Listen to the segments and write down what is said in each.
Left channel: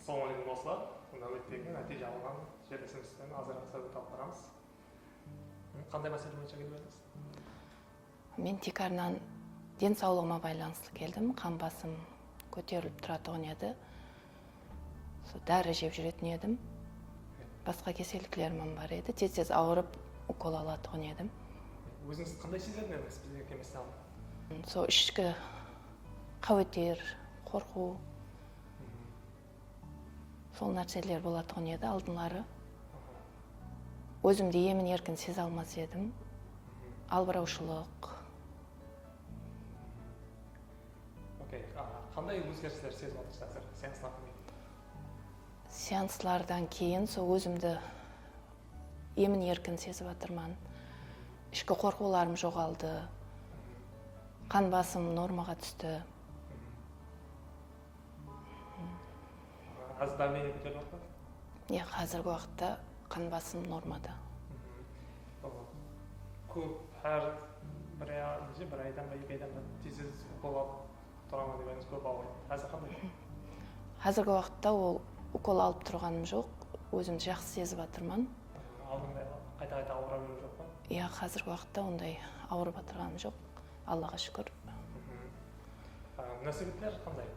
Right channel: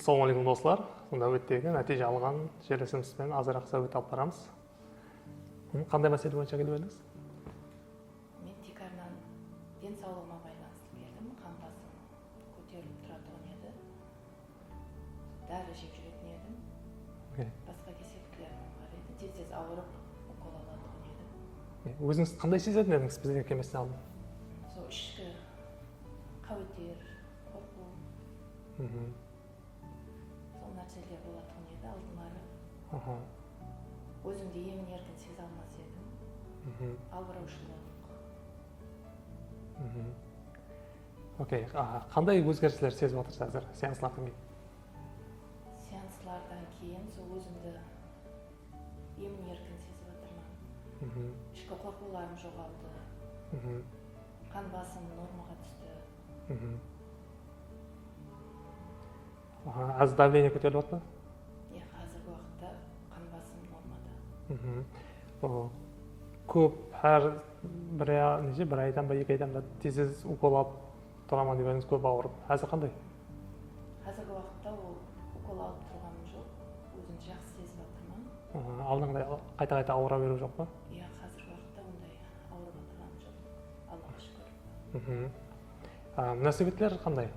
Ассалаумағалейкум достар. Сонда өттегі нәтиже алған жерлесімізбен азырақ сөйлеп алып барамыз. Қандай мәселе бойынша келіп едіңіз? Мен тек арнан денсаулығыма байланысты келдім. Қан басым көтеріліп тұратұғын еді. Дәрі жеп жүретін едім. Басқа кеселіктерім бар еді. Тез ауырып укол алатұғын едім. Өзіңіз қандай сезетін едіңіз біздің кеместен алдын? Ішкі қауетер, қорқу. Сол нәрселер болатұғын еді алдылары. Өзімді емін еркін сезе алмас едім. Албыраушылық. Окей, қандай өзгерістер сезіп отырсыз қазір сеанслардан кейін? Сеанслардан кейін өзімді емін еркін сезіп жатырмын. Ішкі қорқуларым жоғалды. Қан басым нормаға түсті. Аз давление көтеріліп отыр ма? Қазіргі уақытта қан басым нормада. Көп әр бір айдан ба, 2 айдан ба тез укол алып тұрамын дегеніңіз көп ауырып. Қазір қандай? Қазіргі уақытта ол укол алып тұрғаным жоқ. Өзімді жақсы сезіп жатырмын. Алдыңғыдай қайта-қайта ауыра беру жоқ па? Қазіргі уақытта ондай ауырып отырғаным жоқ. Аллаға шүкір. Нәсібеттер қандай?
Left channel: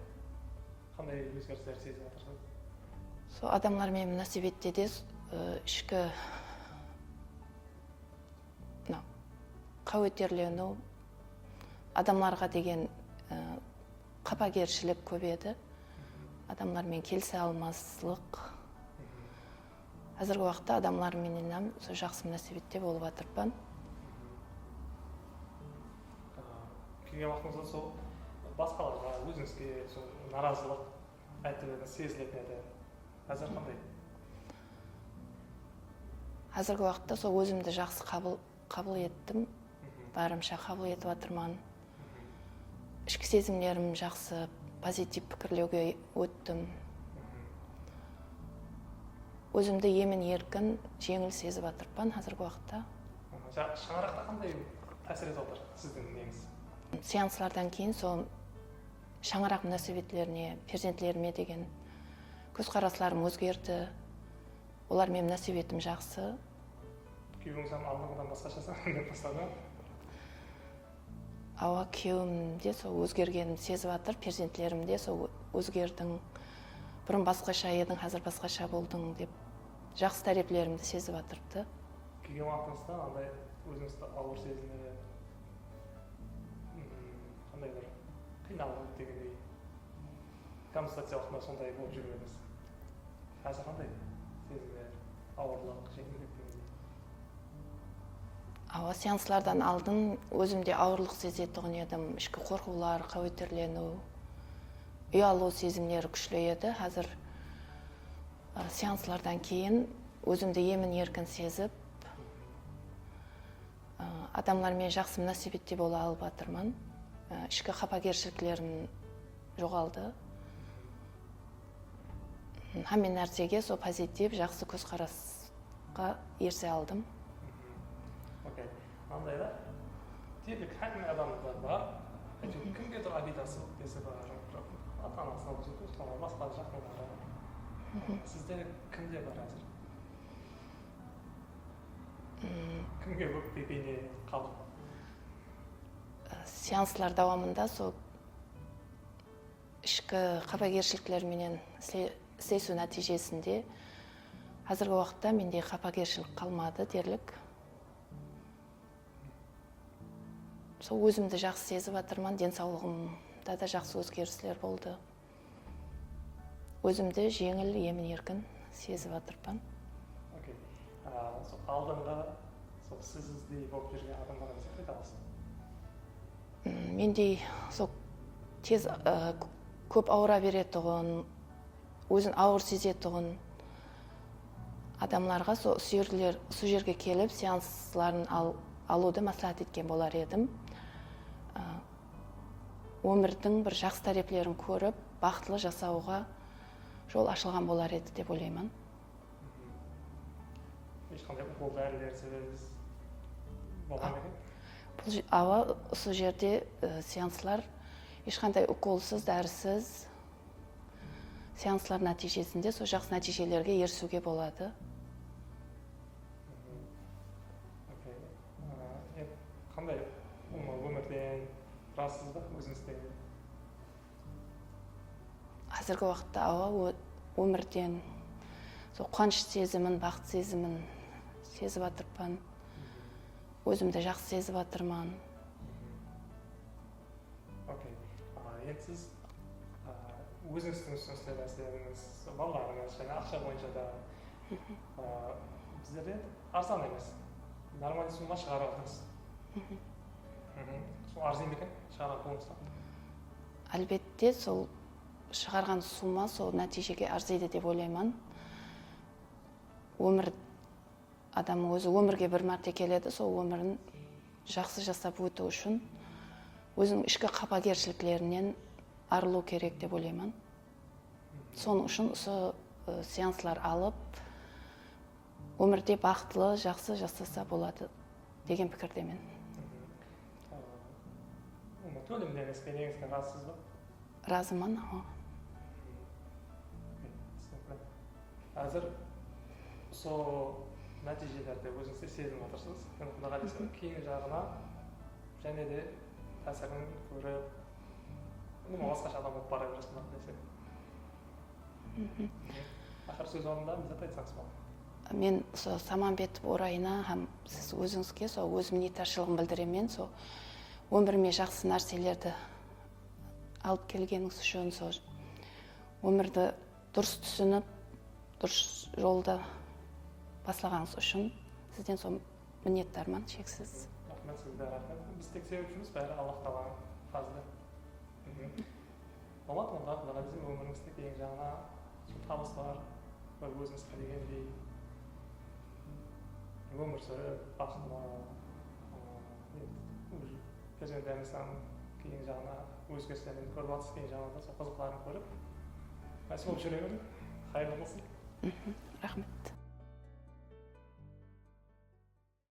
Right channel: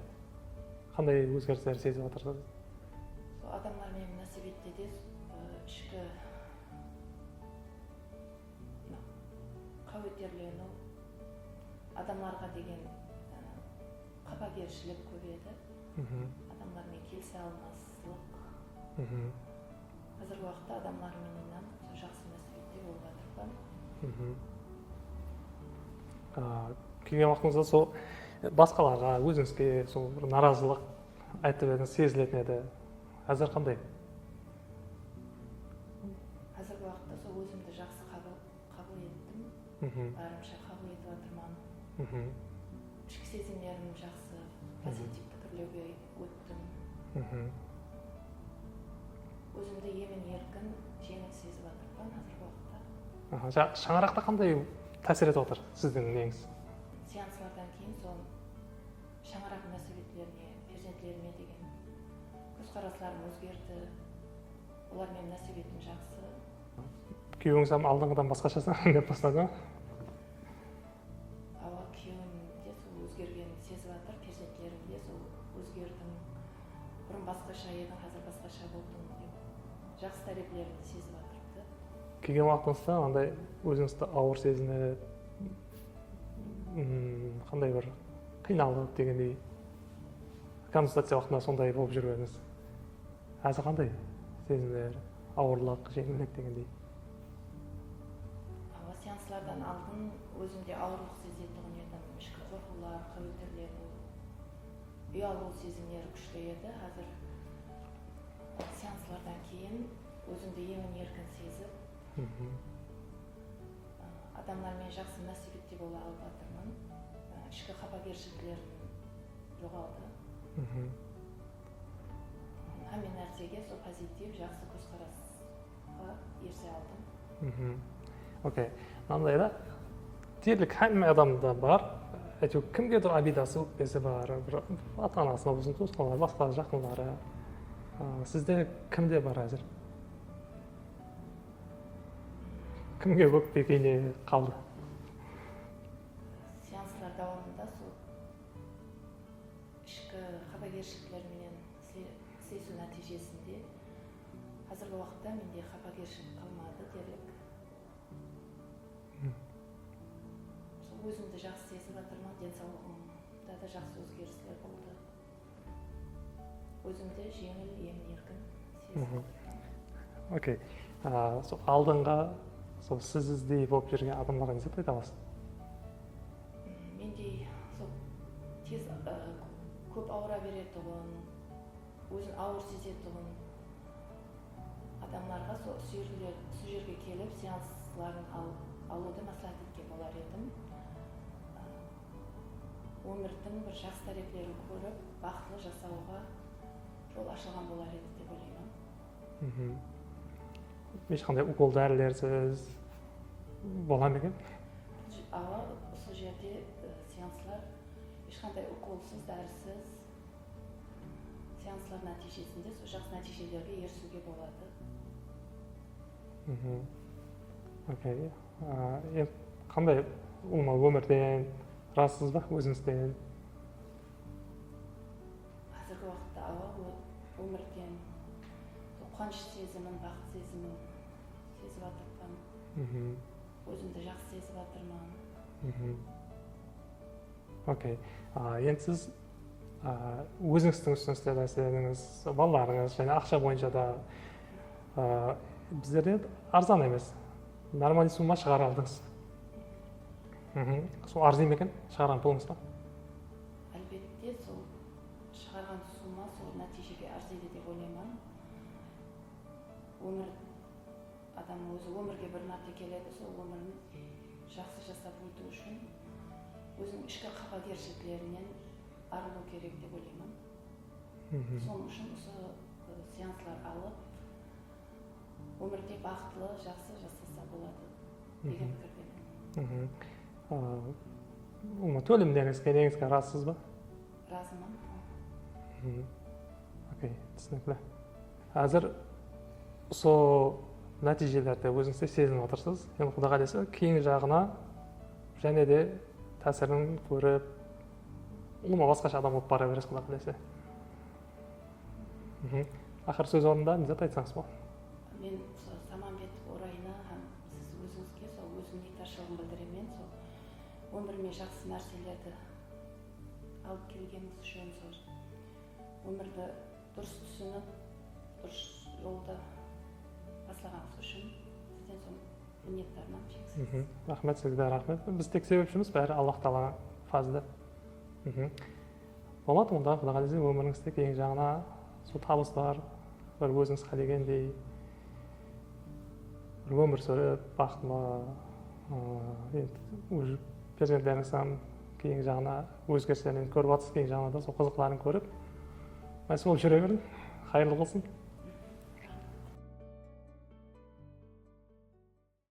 Қандай өзгерістер сезіп отырсыз? Адамдармен мөнәсәбәттә де ішкі қауеттерлену, адамларға деген қапагершілік көп еді. Адамдармен келісе алмаслық. Қазіргі уақытта адамдармен жақсы мөнәсәбәттә болып жатырмын. Келген уақытыңызда сол басқаларға, өзіңізге сол наразылық айтып едіңіз, сезілетін еді. Қазір қандай? Қазіргі уақытта өзімді жақсы қабыл еттім. Барымша қабыл етіп жатырмын. Ішкі сезімдерім жақсы, позитив пікірлеуге өттім. Өзімді емін еркін, жеңіл сезіп жатырмын қазіргі уақытта. Шаңырақта қандай тәсір етіп отыр сіздің неңіз? Сеанслардан кейін шаңырақ мөнәсәбәтлеріне, перзентлеріме деген көзқарастарым өзгерді. Олармен мөнәсәбәтім жақсы. Күйеуіңіз алдыңғыдан басқашасын деп бастады ма? Күйеуім де өзгергенін сезіп жатыр, перзентлерім де өзгердің. Бұрын басқаша едің, қазір басқаша болдың деп жақсы тәрбиелерімді сезіп жатырды. Келген уақытыңызда андай өзіңізді ауыр сезініп, қандай бір қиналып дегендей консультация уақытында сондай болып жүргеніңіз. Қазір қандай сезімдер, ауырлық, жеңілдік дегендей? Сеанслардан алдын өзімде ауырлық сезетұғын едім. Ішкі қорқулар, қауеттерлену, ұялу сезімдері күшлі еді. Қазір сеанслардан кейін өзімді емін еркін сезіп, адамдармен жақсы мөнәсәбәтте бола алып жатырмын. Ішкі қапагершіліктерім жоғалды. Hamma нәрсеге позитив, жақсы көзқарасқа ерсе алдым. Окей. Андай да, дерлік hamma адамда бар, әйтеуір кімгедір обидасы, өкпесі бар, ата-анасына болсын, туысқандар, басқа жақындары. Сізде кімде бар әзір? Кімге өкпе кейіне қалды? Сеанслар давамында ішкі қапагершіліктерменен істесу нәтижесінде қазіргі уақытта менде қапагершілік қалмады дерлік. Өзімді жақсы сезіп жатырмын, денсаулығымда да жақсы өзгерістер болды. Өзімді жеңіл, емін еркін сезіп жатырмын. Окей. Алдыңға сіз іздей болып жүрген адамдарға не айтып аласыз? Менде тез көп ауыра беретұғын, өзін ауыр сезетұғын адамларға сол жерге келіп сеансларын алуды мәслихат еткен болар едім. Өмірдің бір жақсы тәрбиелерін көріп, бақытлы жасауға жол ашылған болар еді деп ойлаймын. Ешқандай укол дәрілерсіз болған екен? Осы жерде сеанслар ешқандай уколсыз, дәрісіз сеанслар нәтижесінде сол жақсы нәтижелерге ерісуге болады. Окей. Енді қандай өмірден разысыз ба өзіңізден? Қазіргі уақытта өмірден сол қуаныш сезімін, бақыт сезімін сезіп жатырмын. Өзімді жақсы сезіп жатырмын. Окей. Енді сіз өзіңіздің ұсыныстар мәселеңіз, балаларыңыз және ақша бойынша да біздерде арзан емес. Нормальный сумма шығара алдыңыз. Сол арзан екен шығарған пұлыңызға? Әлбетте, сол шығарған сумма сол нәтижеге арзиды деп ойлаймын. Адам өзі өмірге бір мәрте келеді, сол өмірін жақсы жасап өту үшін өзінің ішкі қапагершіліктерінен арылу керек деп ойлаймын. Соның үшін осы сеанслар алып, өмірде бақытлы, жақсы жасаса болады деген пікірдемін. Төлемдеріңізге негізгі разысыз ба? Разымын. Окей, түсінікті. Қазір сол нәтижелерді өзіңізде сезініп отырсыз. Енді Құдай қаласа кейін жағына және де тәсірін көріп, басқаша адам болып бара бересіз Құдай қаласа. Ақыр сөз орнында не зат айтсаңыз бол. Мен сол Саманбетов орайына һәм сіз өзіңізге сол өз миннеттаршылығын білдіремін. Сол өміріме жақсы нәрселерді алып келгеніңіз үшін, сол өмірді дұрыс түсініп, дұрыс жолда баслағаныңыз үшін сізден сол миннеттармын шексіз. Рахмет сізге, рахмет. Біз тек себепшіміз бәрі Аллах Тағала фазлы. Болады, онда Құдай қаласа өміріңізде кейін жағына сол табыстар, бір өзіңізге дегендей бір өмір сүріп, бақытлы, енді перзенттеріңізден кейін жағына өзгерістерін көріп жатсыз, кейін жағына да сол қызықтарын көріп, сол жүре бердім. Қайырлы болсын.